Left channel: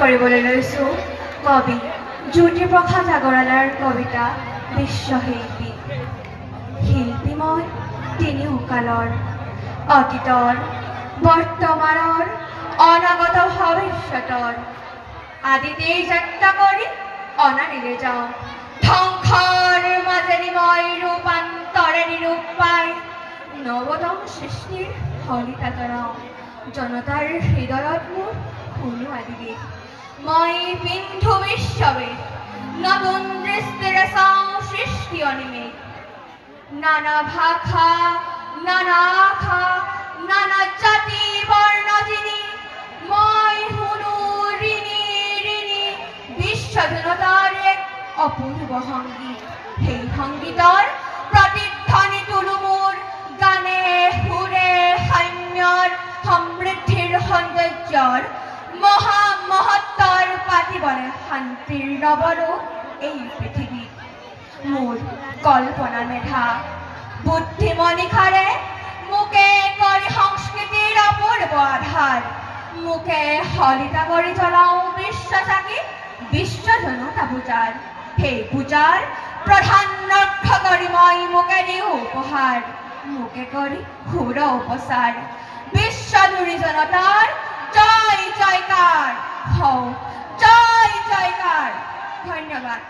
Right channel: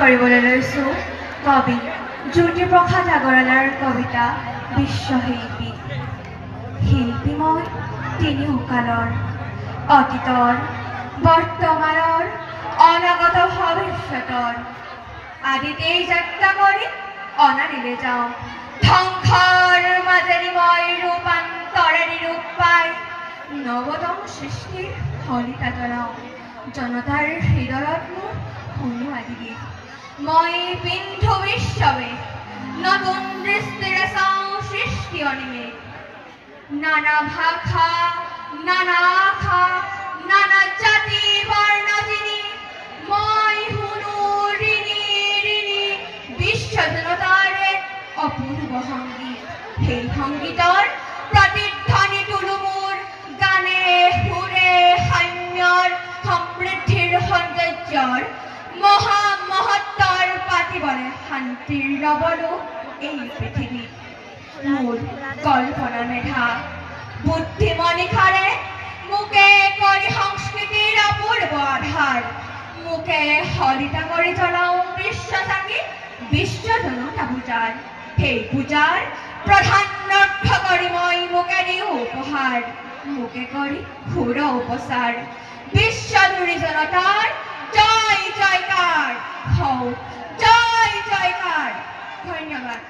কৰিবলৈ লৈছোঁ কবি জ্যোতিপ্ৰসাদ আগৰৱালাৰ কবিতা বিশ্বশিল্পী। শিল্পী মই তিনিও কালৰ, অতীতৰ, বৰ্তমানৰ, অনাগত ভৱিষ্যতৰ। আদিতেই যাত্ৰা কৰি অনাদিলে যাওঁ, ধ্বংসৰ মাজেদি মই ৰূপান্তৰেদি ৰূপ পাই নৱতম সৃষ্টিৰ শলিতা জনাওঁ। জনতাৰ হৃদয়ত মোৰ শুনো আদিগীত, মই পিন্ধো বিশ্ববেদ, নতুন দৃষ্টিৰে চাওঁ সৃষ্টি অনিমেষ। নানা ভাষা, নানা আশা, নানা জাতি বৰ্ণ যিনি, মই শুনো ঋণী ঋণী বিশ্ব জনতাৰ এক অপূৰ্ব সংগীত। সেই সংগীতৰ প্ৰতিধ্বনি তোলো মোৰ গানে সুৰে সৈন্যৰ সমৃদ্ধিৰ সৌন্দৰ্যৰ মহত্বৰ পাতিবনে শান্তিৰ নৱলোক এই পৃথিৱীত। মোৰ কল্পনা মেধা বুদ্ধিমনিষাৰে মোকে কৰি সংস্কৃতিৰ অপূৰ্ব আধাৰ, মোকে শলিতা কৰি জ্বলাওঁ বিশ্ব চাকি বিশ্ব জনতা পূজাৰ। সেই পূজাৰ প্ৰধান লক্ষ্য কৰি মই মোকে দিওঁ উপহাৰ, মোকে কৰি সুৰ উপচাৰ। বিশ্বজুৰি জনতাৰ জয় জয়কাৰ হওক, জয় জয়কাৰ। ধন্যবাদ।